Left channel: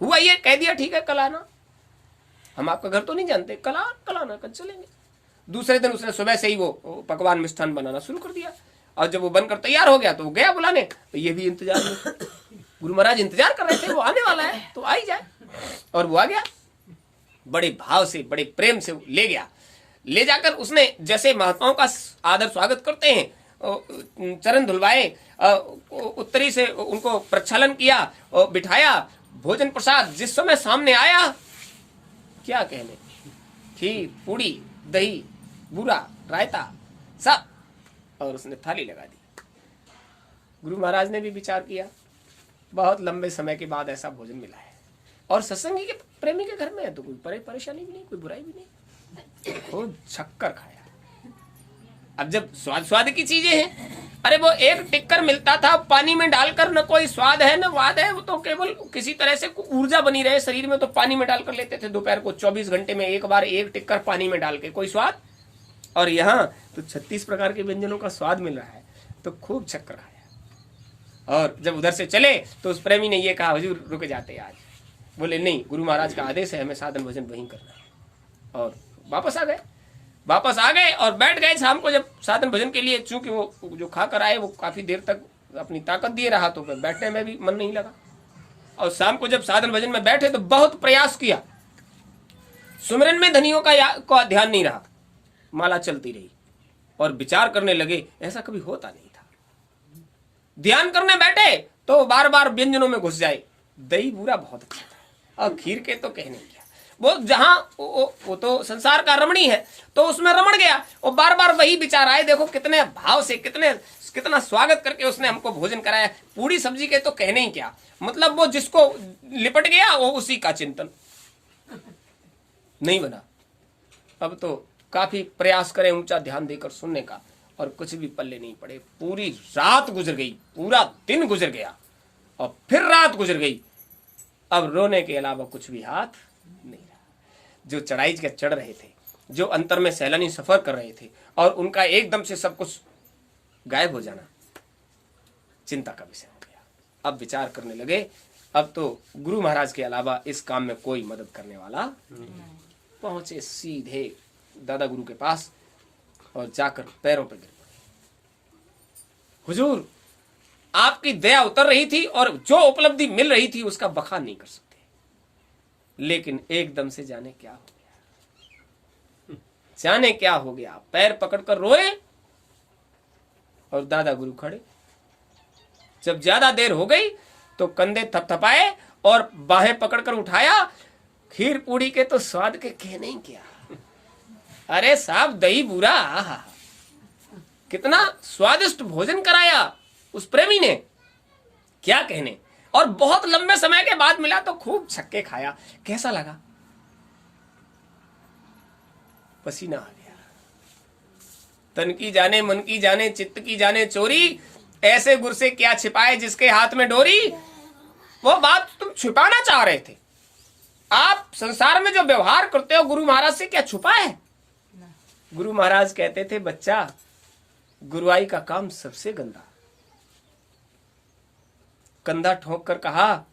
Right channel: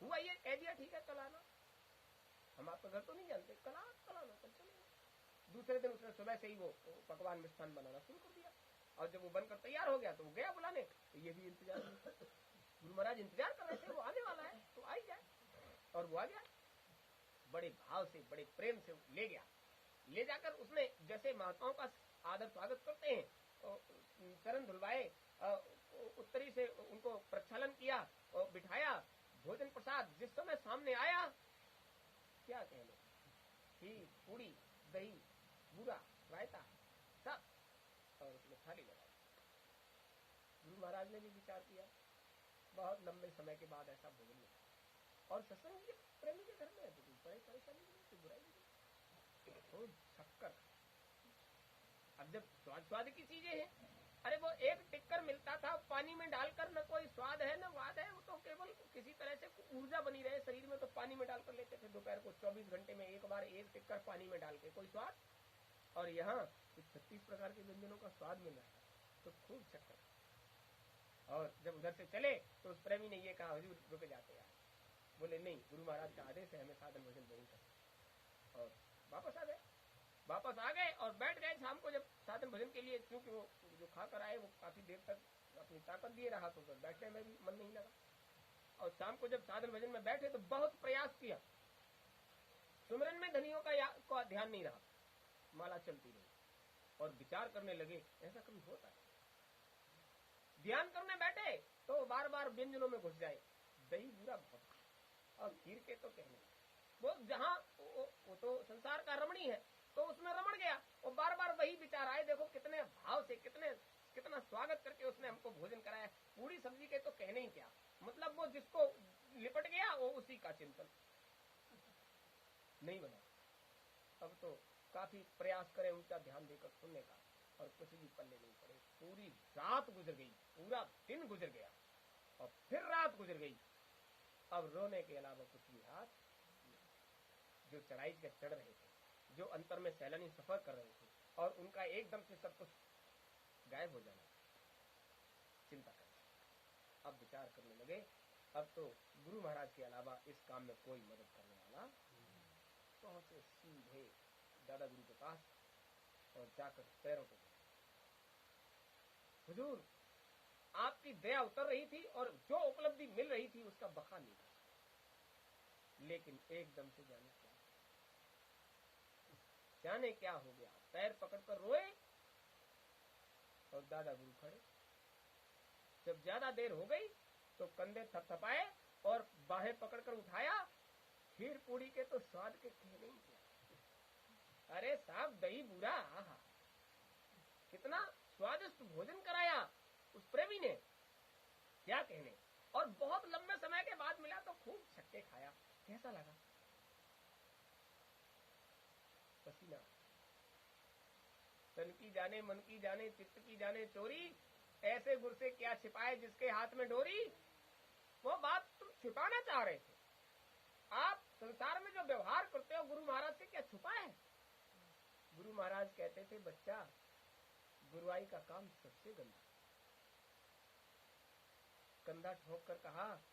हुआ ये, कह दिया ठीक है कल आना, हम आपका घर तो नहीं जानते, कल आना, कल चलेंगे। दूसरे दिन उसने सुबह से ही वो पकवान मिष्ठान बनाना शुरू कर दिया, और जब वो बनकर तैयार हो गया तो वो गया बुलाने, तो ये भी इंतजार में, गुरु महाराज इंतजार कर रहे थे, वो आने वाला है तो आ ही जाए, और वो आ गया। बड़े भाव से, बड़े प्रेम से ले गया, ले जाकर उसने जैसे महात्माओं का आदर स्वागत करते हैं, चरण धुलवाए, उत्तरी से उनको प्रक्षालन किया, और बिठाया, भोजन प्रसाद जिस समय सामने आया, क्या कहने, खीर, पूड़ी, दही, बूरा, रायता, सब, और उसने थाली लगा दी। गुरु महाराज ने भी विचार किया, बहुत लंबे समय के बाद ऐसा भोजन मिला है, और सत्संगी के प्रेमी के घर में है तो कोई परेशानी भी नहीं, कोई बुराई भी नहीं, खूब छक्कर खाया। अब जब स्वाद की चीजें हैं, अरे वो एक टिक्कर मिलता था पानी में डालकर, न कोई स्वाद है न वाद है, वो तो केवल किसी तरह से ऊर्जा बनी रहे शरीर में, तो पानी में डालकर लेते थे दोपहर को, 24 घंटे में एक बार एक टिक्कर पानी में डाल के, कोई स्वाद। और यहाँ तो 36 प्रकार के व्यंजनों का स्वाद मिल रहा है, तो खूब छक्कर खाया। और जब उधर से चले तो उस प्रेमी ने ये कहा, हुजूर रुक जाते आज। बोले नहीं, गुरु महाराज का आदेश है, हमें साधन भोजन वहीं करना है। और वापस आ गए और बैठ गए। शाम को जब साधन भोजन के लिए, चूंकि वो जो खा कर आए वो काफी देर तक अपनी ताकत दिए रहा, तो बैठने में भी मन नहीं लगा। और शाम को जब साधन भोजन में बैठे तो बहुत प्रयास किया, सुमिरन में धनियों का ध्यान नहीं रहा, माला चलती रही, और विचार करने लगे, ऐसा कभी होता नहीं था। ध्यान करने बैठे तो बार बार व्यंजनों में घुस जाए, दही बूरा बहुत अच्छा था, और खीर के तो कहने क्या, वो जहां वो तो संसार का रमणी है, तो उसमें रमण गया, और बार बार वही विचार आए। देखो कितने भाव से, कितना स्वागत करके उसने हमको भोजन कराया, पूरी सब्जी के तो कहने ही क्या, मतलब वो जिसको लिपट गया वो उसी का चिंतन नहीं बना। अब तो काफी प्रयास करें ऊंचा ध्यान देकर सुनने का, और कुछ भी पल्ले नहीं पड़े। पूरी रात गुजर गई, पूरा दिन गुजर गया, और फिर रात गुजर गई। अब रोने के अलावा कुछ भी हाथ नहीं रहा। जो चढ़ाई के चढ़ रहे थे, जो अंतर में सैलानी सफर कर रहे थे, और उनका एकदम से सब कुछ गायब हो जाना चिंता का विषय हो गया। अब विचार करने लगे, अब तो गुरु महाराज के अलावा इस काम में कोई मदद करने वाला नहीं। पहुंचे सीधे दादा गुरु के पास और जाकर पैरों पर गिर पड़े। हुजूर, आपकी दया उतर रही थी और जो उपलब्धि मिल रही थी उसका बखान नहीं कर सकते, लेकिन एकदम से जाने क्या हो गया, पैर पकड़कर रोए, और दादा गुरु खड़े। जब ज्यादा देर हो गई तो कंधे थपथपाए और बाहें पकड़कर उठाया। खीर पूड़ी के तो स्वाद के कहने ही क्या, अरे साहब दही बूरा, कितना स्वादिष्ट भोजन कराया उस प्रेमी ने, क्या कहने। और बहुत लंबे समय के बाद मिला तो खूब छक्के खाया। कैसा लगा? पसीना आ गया। तन की जाने मन की जाने चित्त की जाने चोरी, ऐसे गुर से क्या छिपाए जिसके हाथ में डोरी। वो बात तुम छिपाना चाह रहे थे। आप संसार में जो व्यवहार करते हो गुरु महाराज से क्या छुपा है? गुरु महाराज कहते थे, बच्चा गुरुआई का काम सबसे गंदा। कंधा ठोक कर कहा,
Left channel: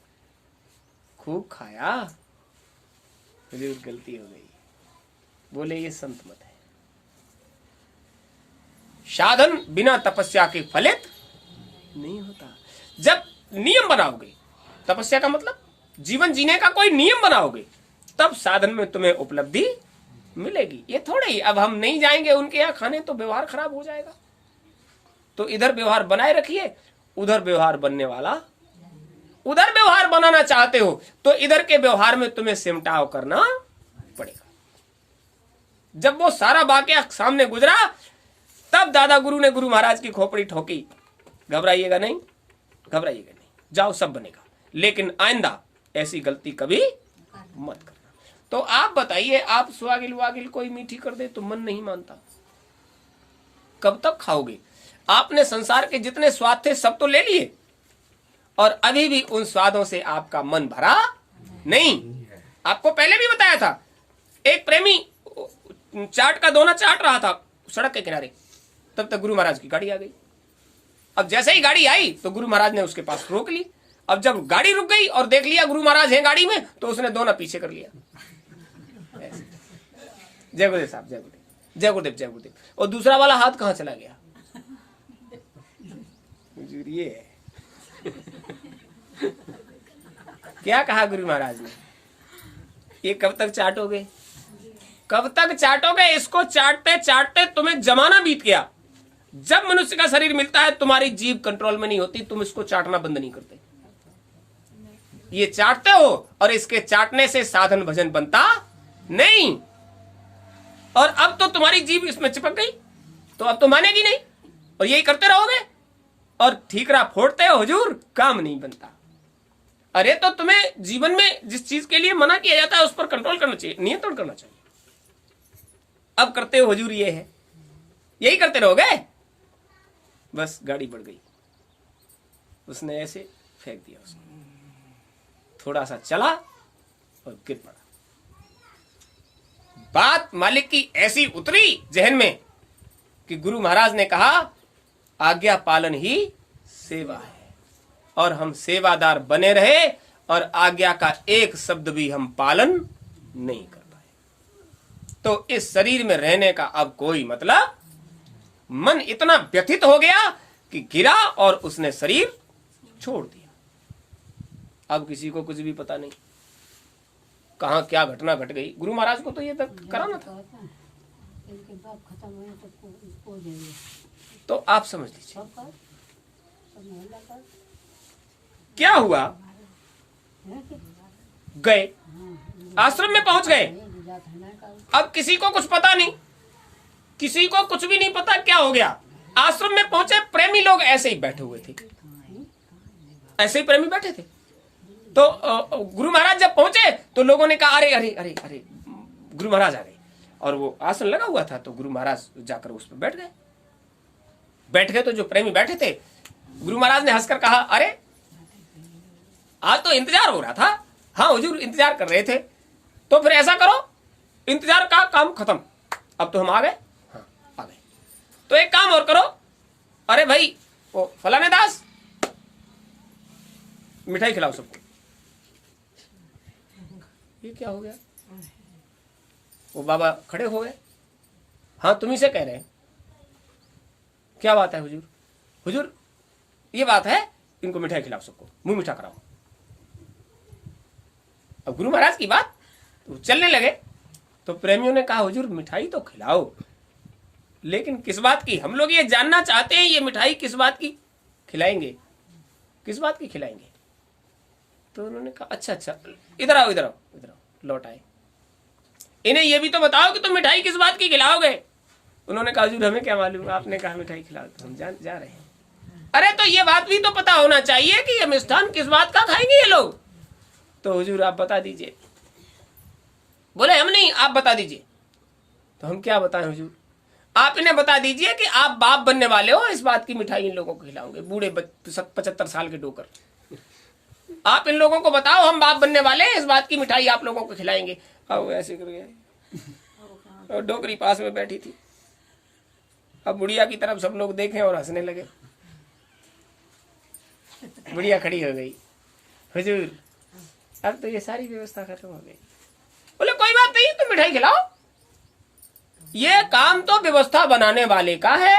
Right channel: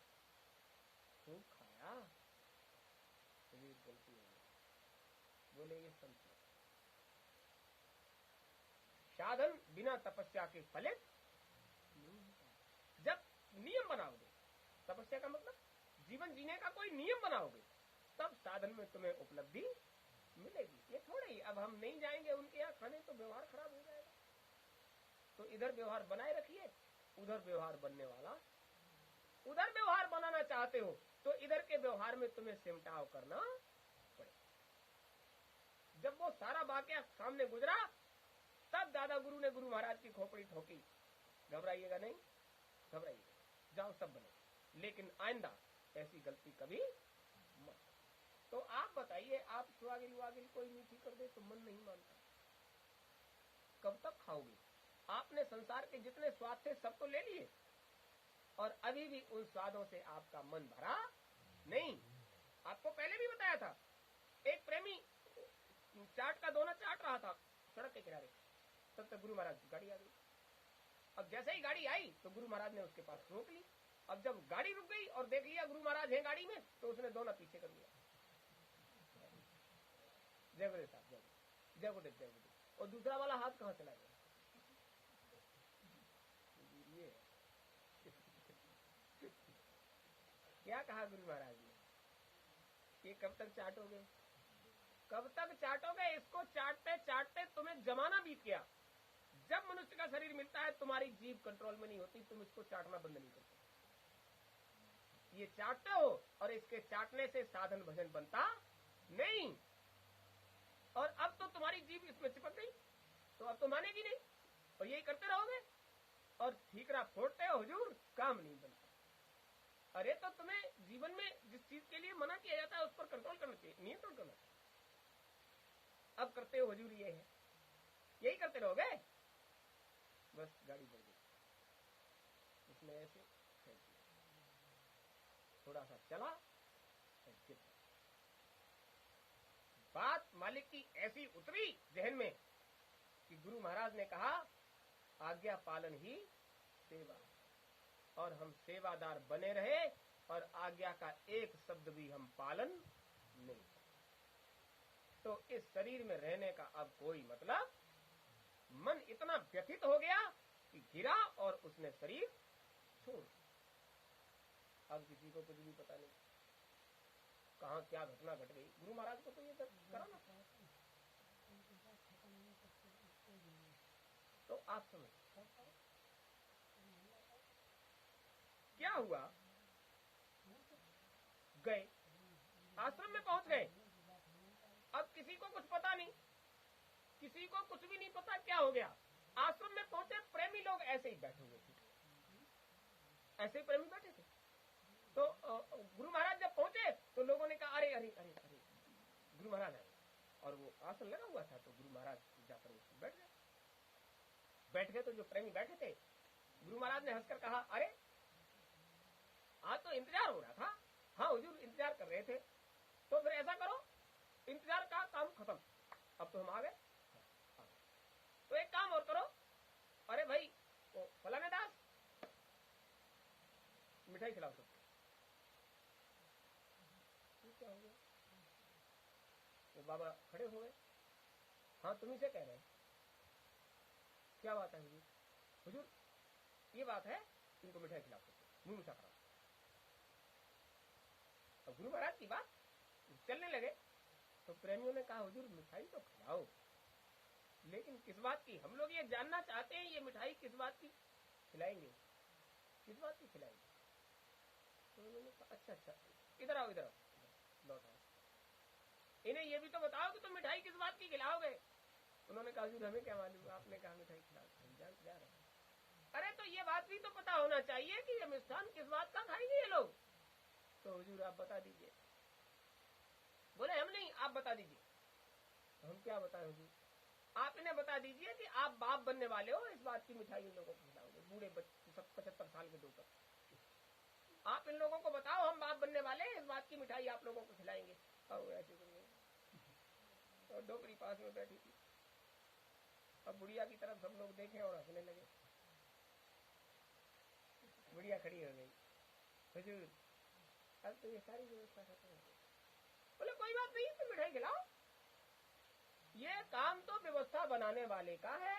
खूब खाया, जरूर गलती हो गई। बोले ये संत मत है। साधन बिना तपस्या के फलित नहीं होता। जब नियम बनाओगे, तपस्या का मतलब जीवन जीने का कोई नियम बनाओगे, तब साधन में तुम्हें उपलब्धि मिलेगी। ये थोड़े ही अब हम नहीं जाएंगे उनके यहाँ खाने तो व्यवहार खराब हो जाएगा। तो इधर व्यवहार बनाए रखिए, उधर व्यवहार बनने वाला, उधर व्यवहार बनाना चाहते हो तो इधर के व्यवहार में तुम्हें सिमटाव करना पड़ेगा। जब वो सारा वाकया सामने गुजरा, तब दादा गुरु ने गुरु महाराज की खोपड़ी ठोकी। घबराइएगा नहीं, जाओ सब बनेगा, लेकिन आइंदा ऐसी गलती कभी मत करना। तो आप बताइए, आप स्वागिल वागिल कोई मीठी कर दे तो मन नहीं मानता, कब तक खाओगे? आपने संसार के जितने स्वाद थे सब तो ले लिए, और अभी भी उन स्वादों से आपका मन भरा नहीं। आपको पहले भी बताया था, एक प्रेमी चाट का दोना चाट रहा था सड़क के किनारे, तब तक गुरु महाराज की गाड़ी आ गई। अब जैसे ही गाड़ी आई तो गुरु महाराज ने उसके पास रोक ली अब जब गाड़ी रुक गई और देख लिया गुरु महाराज हैं गाड़ी में, तो उसने दोनों पीछे कर लिया। जय गुरुदेव साहब, जय गुरुदेव, जय गुरुदेव, जय गुरुदेव। और दूसरा वाला हाथ कहाँ चला गया? ये है। क्या कहा गुरु महाराज ने? ये कब तक चाटोगे, कब तक चाटोगे? इसको चाटते चाटते तुम्हें जमाना बीत गया। जब मनुष्य का शरीर मिलता है, तुम्हारी जीभ कंट्रोल में नहीं होती, तुम इसको चाटना बंद नहीं करते। ये चाटते हो और इसके चाटने से साधन भजन बनता नहीं। और अब तो तुम्हारी जीभ इसमें चिपक गई, तो अब तो मानेगी नहीं, और यही करते रहोगे और ठीकरा फोड़ते हो हुजूर, काम नहीं बनता। अरे तो तुम्हें जीवन में जिस चीज के लिए मना किया जाता है उस पर कंट्रोल करना चाहिए, नियंत्रण करना चाहिए। अब करते हो हुजूर ये है, यही करते रहोगे। बस गाड़ी बढ़ गई, उसने ऐसे फेंक दिया उसको, थोड़ा सा चला और गिर पड़ा। बात मालिक की ऐसी उतरी जहन में कि गुरु महाराज ने कहा आज्ञा पालन ही सेवा है, और हम सेवादार बने रहे और आज्ञा का एक शब्द भी हम पालन नहीं कर पाए। तो इस शरीर में रहने का अब कोई मतलब। मन इतना व्यथित हो गया कि गिरा और उसने शरीर छोड़ दिया। अब किसी को कुछ भी पता नहीं कहां क्या घटना घट गई। गुरु महाराज को तो ये तक कराना था। तो आप समझ लीजिए क्या हुआ। गए, आश्रम में पहुंच गए। अब किसी को कुछ पता नहीं, किसी को कुछ भी नहीं पता क्या हो गया। आश्रम में पहुंचे, प्रेमी लोग ऐसे ही बैठे हुए थे, ऐसे ही प्रेमी बैठे थे। तो गुरु महाराज जब पहुंचे तो लोगों ने कहा अरे अरे अरे अरे गुरु महाराज आ गए। और वो आसन लगा हुआ था, तो गुरु महाराज जाकर उस पर बैठ गए। बैठ गए तो जो प्रेमी बैठे थे, गुरु महाराज ने हंसकर कहा अरे आज तो इंतजार हो रहा था। हाँ हुजूर, इंतजार कर रहे थे। तो फिर ऐसा करो, इंतजार का काम खत्म, अब तो हम आ गए। हाँ आ गए, तो एक काम और करो। अरे भाई वो फलाने दास, मिठाई खिलाओ सबको। ये क्या हो गया? वो बाबा खड़े हो गए। हाँ तुम्ही से कह रहे हैं। क्या बात है हुजूर? हुजूर ये बात है, इनको मिठाई खिलाओ सबको, मुंह मीठा कराओ। अब गुरु महाराज की बात तो चलने लगे। तो प्रेमियों ने कहा हुजूर मिठाई तो खिलाओ, लेकिन किस बात की? हम लोग ये जानना चाहते हैं, ये मिठाई किस बात की खिलाएंगे, किस बात की खिलाएंगे? तो उन्होंने कहा अच्छा अच्छा, इधर आओ इधर आओ इधर आओ। लौट आए। इन्हें ये भी तो बताओ कि तुम मिठाई किस बात की खिलाओगे। उन्होंने कहा हुजूर हमें क्या मालूम, आपने कहा मिठाई खिलाओ तो हम जा रहे हैं। अरे तो ये बात भी तो पता होना चाहिए कि ये मिष्ठान किस बात का खाएंगे ये लोग। तो हुजूर आप बता दीजिए। बोले हम नहीं, आप बता दीजिए। तो हम क्या बताएं हुजूर? आप इन्हें बता दीजिए कि आप बाप बनने वाले हो, इस बात की मिठाई इन लोगों को खिलाओगे, बूढ़े 75 साल के डोकर। आप इन लोगों को बताओ हम बाप बनने वाले हैं, इस बात की मिठाई आप लोगों को खिलाएंगे। अब ऐसे कर गए और डोकरी पास में बैठी थी। अब बुढ़िया की तरफ सब लोग देखें और हंसने लगे। बुढ़िया खड़ी हो गई, हुजूर अब तो ये सारी व्यवस्था खत्म हो गई। बोले कोई बात नहीं, तुम मिठाई खिलाओ। ये काम तो व्यवस्था बनाने वाले का है,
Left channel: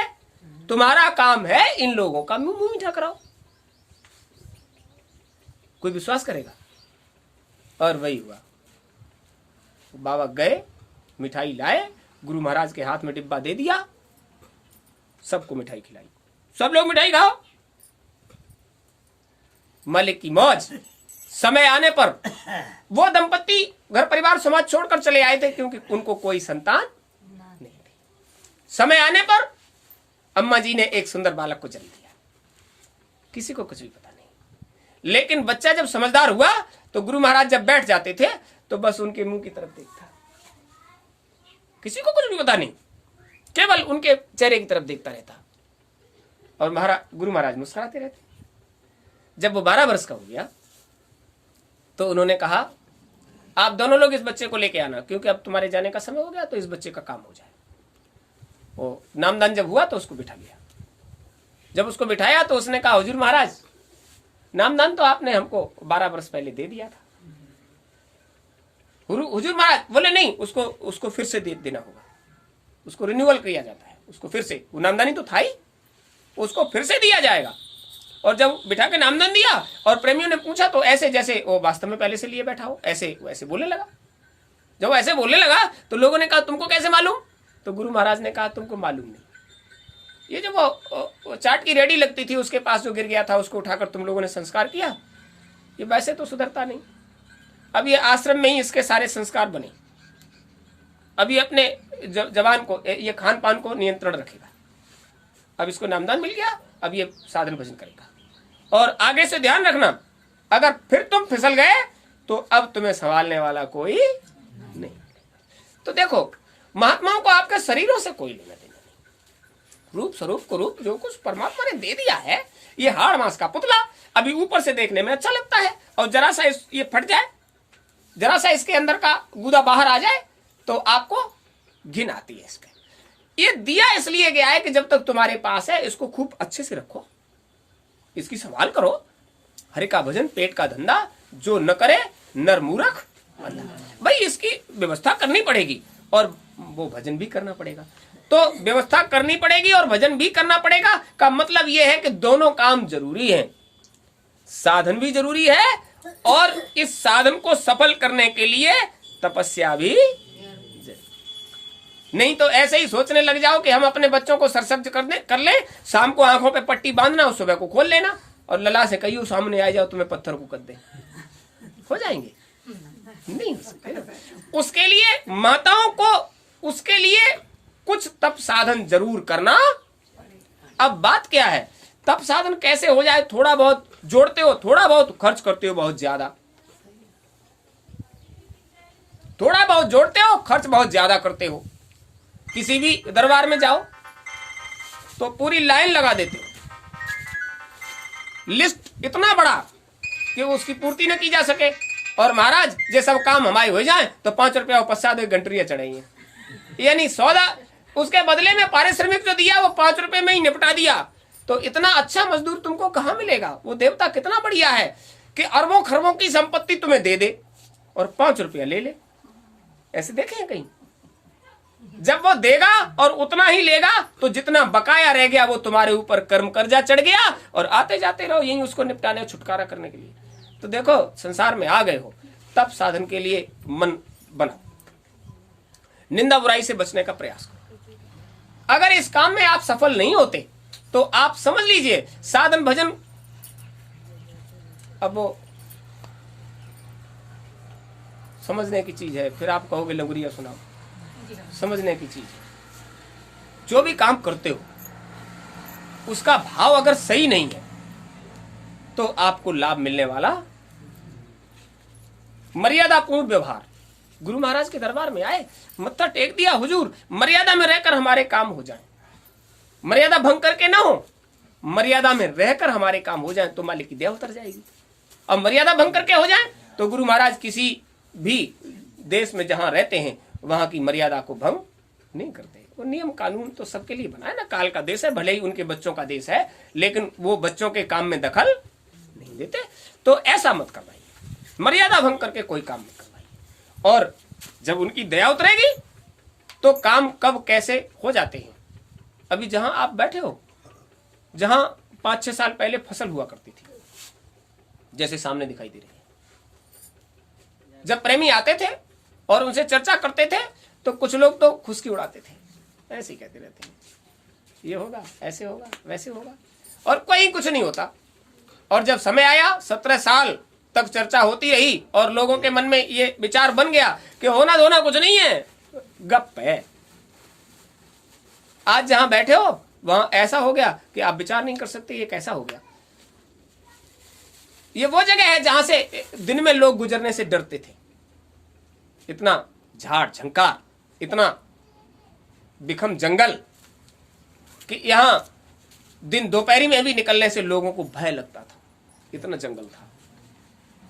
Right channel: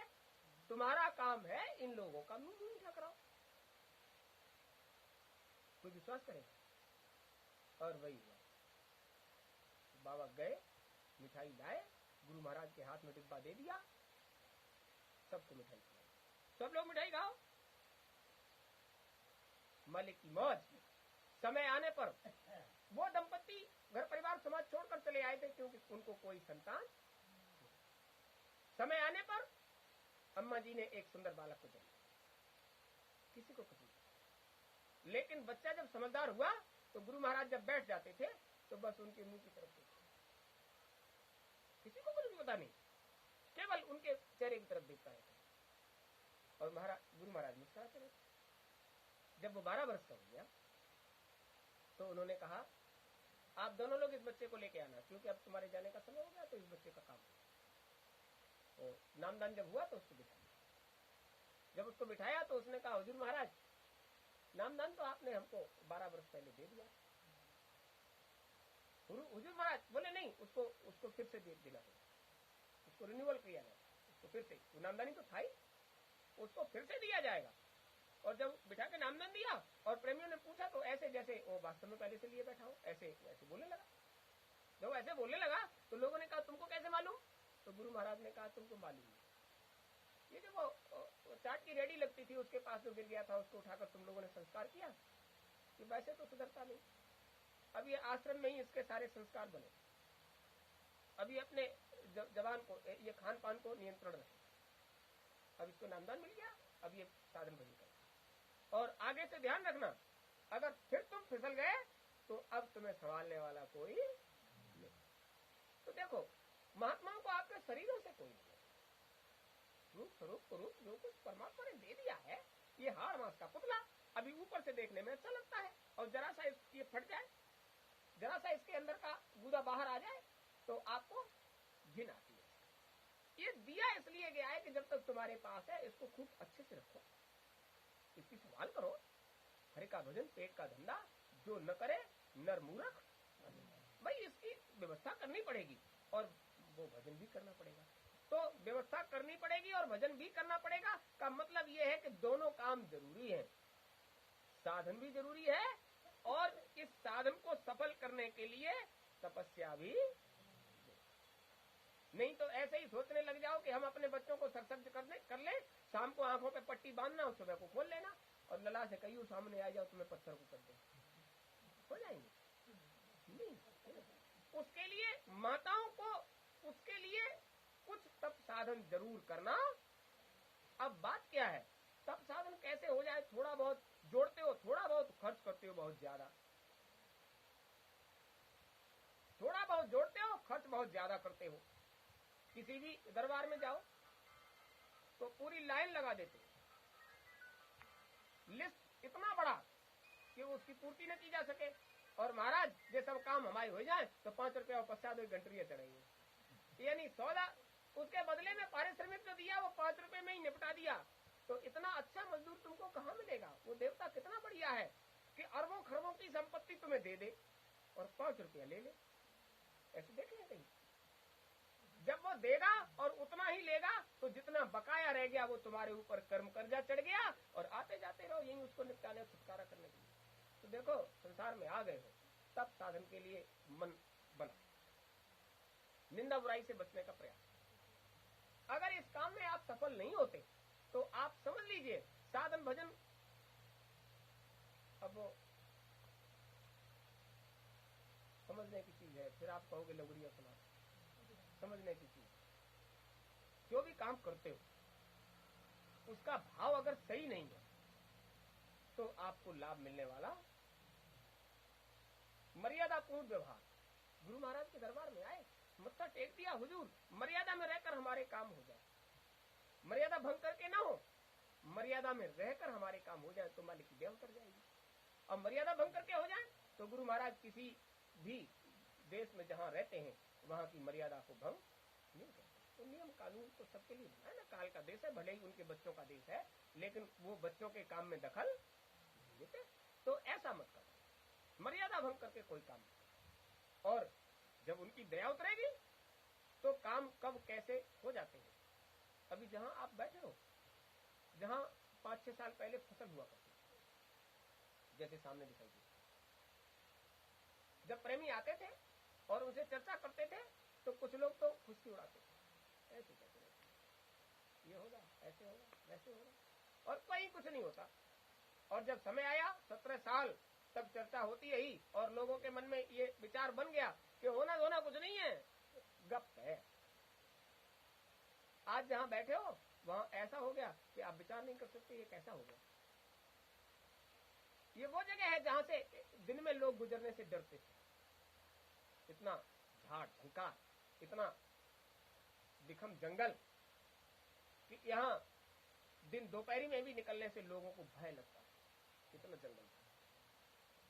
तुम्हारा काम है इन लोगों का मुंह मीठा कराओ। कोई विश्वास करेगा? और वही हुआ। बाबा गए, मिठाई लाए, गुरु महाराज के हाथ में डिब्बा दे दिया, सबको मिठाई खिलाई। सब लोग मिठाई खाओ। मालिक की मौज। समय आने पर वो दंपत्ति घर परिवार समाज छोड़कर चले आए थे, क्योंकि उनको कोई संतान नहीं थी। समय आने पर अम्मा जी ने एक सुंदर बालक को जन्म दिया। किसी को कुछ भी पता नहीं। लेकिन बच्चा जब समझदार हुआ तो गुरु महाराज जब बैठ जाते थे तो बस उनके मुंह की तरफ देखता, किसी को कुछ भी पता नहीं, केवल उनके चेहरे की तरफ देखता रहता। और गुरु महाराज मुस्कुराते रहते। जब वो 12 वर्ष का हो गया तो उन्होंने कहा आप दोनों लोग इस बच्चे को लेके आना, क्योंकि अब तुम्हारे जाने का समय हो गया, तो इस बच्चे का काम हो जाए। वो नामदान जब हुआ तो उसको बिठा लिया। जब उसको बिठाया तो उसने कहा हुजूर महाराज नामदान तो आपने हमको 12 वर्ष पहले दे दिया था। हुजूर महाराज बोले नहीं, उसको फिर से देना होगा, उसको रिन्यूअल किया जाता है, उसको फिर से, वो नामदानी तो था ही, उसको फिर से दिया जाएगा। और जब बिठा के नामदान दिया और प्रेमियों ने पूछा तो ऐसे जैसे वो वास्तव में पहले से लिए बैठा हो, ऐसे बोलने लगा। जब ऐसे बोलने लगा तो लोगों ने कहा तुमको कैसे मालूम? तो गुरु महाराज ने कहा तुमको मालूम नहीं, ये जो वो चाट की रेडी लगती थी उसके पास जो गिर गया था उसको उठाकर तुम लोगों ने संस्कार किया, ये वैसे तो सुधरता नहीं, अब ये आश्रम में ही इसके सारे संस्कार बने, अब ये अपने जवान को, ये खान पान को नियंत्रण रखेगा, अब इसको नामदान मिल गया, अब ये साधन भजन करेगा। और आगे से ध्यान रखना, अगर फिर तुम फिसल गए तो अब तुम्हें संभालने वाला कोई नहीं। तो देखो, महात्माओं को आपके शरीरों से कोई लेना देना नहीं, रूप स्वरूप को रूप जो कुछ परमात्मा ने दे दिया है, ये हाड़ मांस का पुतला अभी ऊपर से देखने में अच्छा लगता है, और जरा सा ये फट जाए, जरा सा इसके अंदर का गुदा बाहर आ जाए तो आपको घिन आती है इसके। ये दिया इसलिए गया है कि जब तक तुम्हारे पास है इसको खूब अच्छे से रखो, इसकी संभाल करो। हरि का भजन पेट का धंधा, जो न करे नर मूर्ख भाई, इसकी व्यवस्था करनी पड़ेगी और वो भजन भी करना पड़ेगा। तो व्यवस्था करनी पड़ेगी और भजन भी करना पड़ेगा का मतलब यह है कि दोनों काम जरूरी हैं, साधन भी जरूरी है और इस साधन को सफल करने के लिए तपस्या भी। नहीं तो ऐसे ही सोचने लग जाओ कि हम अपने बच्चों को सरसब्ज कर ले, शाम को आंखों पे पट्टी बांधना और सुबह को खोल लेना और लला से कहियो सामने आ जाओ तुम्हें पत्थर को कर दे, हो जाएंगे? नहीं हो सकते। उसके लिए माताओं को, उसके लिए कुछ तप साधन जरूर करना। अब बात क्या है, तप साधन कैसे हो जाए? थोड़ा बहुत जोड़ते हो, थोड़ा बहुत खर्च करते हो, बहुत ज्यादा, थोड़ा बहुत जोड़ते हो, खर्च बहुत ज्यादा करते हो। किसी भी दरबार में जाओ तो पूरी लाइन लगा देते हो, लिस्ट इतना बड़ा कि उसकी पूर्ति न की जा सके, और महाराज ये सब काम हमारे हो जाए तो 5 रुपया पश्चात घंटरिया चढ़ाइए, यानी सौदा उसके बदले में पारिश्रमिक जो दिया वो 5 रुपए में ही निपटा दिया। तो इतना अच्छा मजदूर तुमको कहां मिलेगा? वो देवता कितना बढ़िया है कि अरबों खरबों की संपत्ति तुम्हें दे दे और 5 रुपया ले ले। ऐसे देखे हैं कहीं? जब वो देगा और उतना ही लेगा तो जितना बकाया रह गया वो तुम्हारे ऊपर कर्म कर्जा चढ़ गया और आते जाते रहो यही उसको निपटाने, छुटकारा करने के लिए। तो देखो, संसार में आ गए हो, तब साधन के लिए मन बना, निंदा बुराई से बचने का प्रयास करो। अगर इस काम में आप सफल नहीं होते तो आप समझ लीजिए साधन भजन, अब वो समझने की चीज है, फिर आप कहोगे लंगुरिया सुनाओ, समझने की चीज है। जो भी काम करते हो उसका भाव अगर सही नहीं है तो आपको लाभ मिलने वाला। मर्यादापूर्ण व्यवहार, गुरु महाराज के दरबार में आए, मत्था टेक दिया, हुजूर मर्यादा में रहकर हमारे काम हो जाएं, मर्यादा भंग करके ना हो, मर्यादा में रहकर हमारे काम हो जाएं तो मालिक की दया उतर जाएगी। अब मर्यादा भंग करके हो जाए तो गुरु महाराज किसी भी देश में जहां रहते हैं वहां की मर्यादा को भंग नहीं करते। वो नियम कानून तो सबके लिए बना है ना, काल का देश है, भले ही उनके बच्चों का देश है, लेकिन वो बच्चों के काम में दखल नहीं देते। तो ऐसा मत करवाइए, मर्यादा भंग करके कोई काम मत करवाइए। और जब उनकी दया उतरेगी तो काम कब कैसे हो जाते हैं। अभी जहां आप बैठे हो, जहां 5-6 साल पहले फसल हुआ करती थी, जैसे सामने दिखाई दे रही है, जब प्रेमी आते थे और उनसे चर्चा करते थे तो कुछ लोग तो खुशकी उड़ाते थे, ऐसे ही कहते रहते हैं ये होगा, ऐसे होगा, वैसे होगा, और कोई कुछ नहीं होता। और जब समय आया, 17 साल तक चर्चा होती रही और लोगों के मन में ये विचार बन गया कि होना धोना कुछ नहीं है, गप है। आज जहां बैठे हो वहां ऐसा हो गया कि आप विचार नहीं कर सकते ये कैसा हो गया। ये वो जगह है जहां से दिन में लोग गुजरने से डरते थे, इतना झाड़ झंकार, इतना बिखम जंगल कि यहां दिन दोपहरी में भी निकलने से लोगों को भय लगता था, इतना जंगल था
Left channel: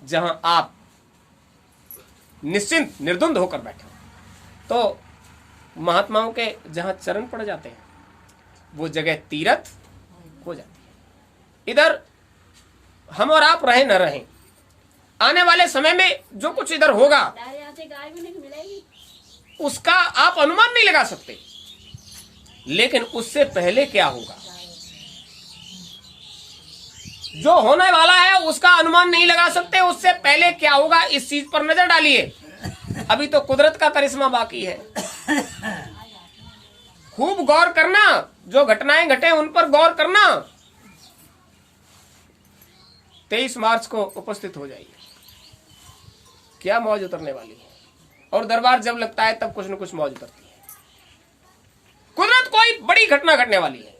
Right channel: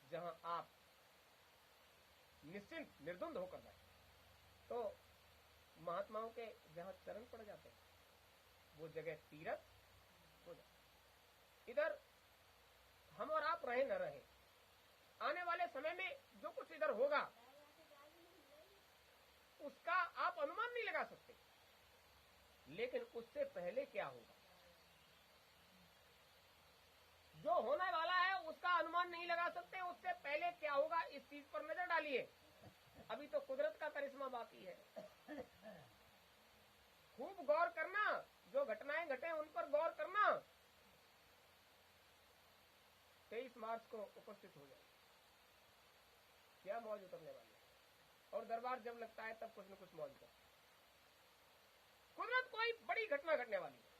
जहां आप निश्चिंत निर्द्वंद होकर बैठे हो। तो महात्माओं के जहां चरण पड़ जाते हैं वो जगह तीर्थ हो जाती है। इधर हम और आप रहे न रहें, आने वाले समय में जो कुछ इधर होगा उसका आप अनुमान नहीं लगा सकते, लेकिन उससे पहले क्या होगा, जो होने वाला है उसका अनुमान नहीं लगा सकते, उससे पहले क्या होगा इस चीज पर नजर डालिए। अभी तो कुदरत का करिश्मा बाकी है, खूब गौर करना, जो घटनाएं घटे उन पर गौर करना। 23 मार्च को उपस्थित हो जाइए, क्या मौज उतरने वाली है। और दरबार जब लगता है तब कुछ न कुछ मौज उतरती है। कुदरत कोई बड़ी घटना घटने वाली है,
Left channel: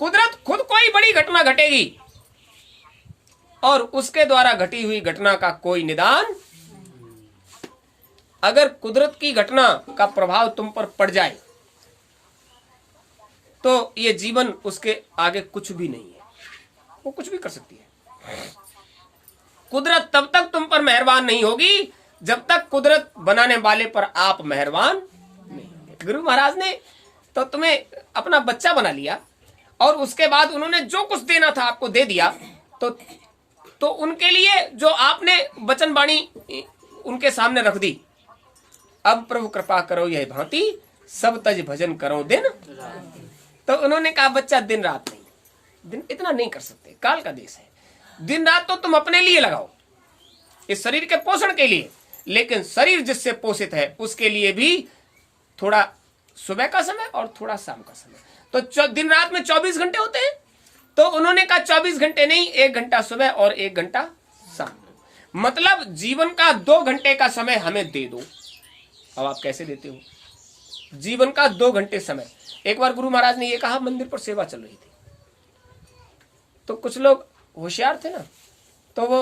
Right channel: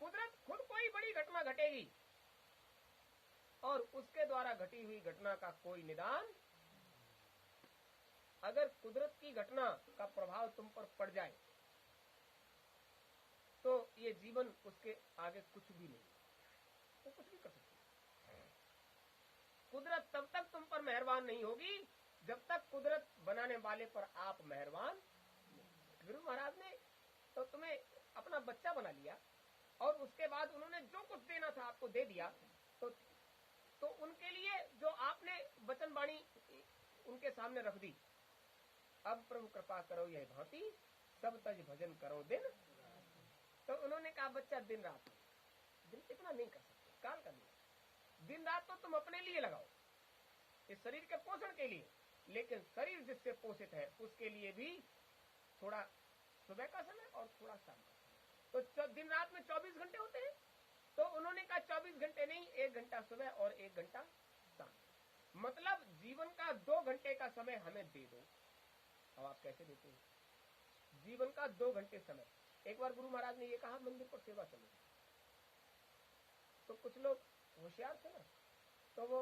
कुदरत खुद कोई बड़ी घटना घटेगी और उसके द्वारा घटी हुई घटना का कोई निदान। अगर कुदरत की घटना का प्रभाव तुम पर पड़ जाए तो ये जीवन उसके आगे कुछ भी नहीं है, वो कुछ भी कर सकती है। कुदरत तब तक तुम पर मेहरबान नहीं होगी जब तक कुदरत बनाने वाले पर आप मेहरबान नहीं होंगे। गुरु महाराज ने तो तुम्हें अपना बच्चा बना लिया और उसके बाद उन्होंने जो कुछ देना था आपको दे दिया, तो उनके लिए जो आपने वचन वाणी उनके सामने रख दी, अब प्रभु कृपा करो यह भांति सब तज भजन करो दिन। तो उन्होंने कहा बच्चा दिन रात नहीं, दिन इतना नहीं कर सकते, काल का देश है, दिन रात तो तुम अपने लिए लगाओ, इस शरीर के पोषण के लिए, लेकिन शरीर जिससे पोषित है उसके लिए भी थोड़ा सुबह का समय और थोड़ा शाम का समय। तो दिन रात में 24 घंटे होते हैं, तो उन्होंने कहा 24 घंटे नहीं, 1 घंटा सुबह और 1 घंटा शाम। मतलब जीवन का 2 घंटे का समय हमें दे दो। अब आप कैसे देते हो जीवन का 2 घंटे समय? एक बार गुरु महाराज ने ये कहा, मंदिर पर सेवा चल रही थी, तो कुछ लोग होशियार थे ना, तो वो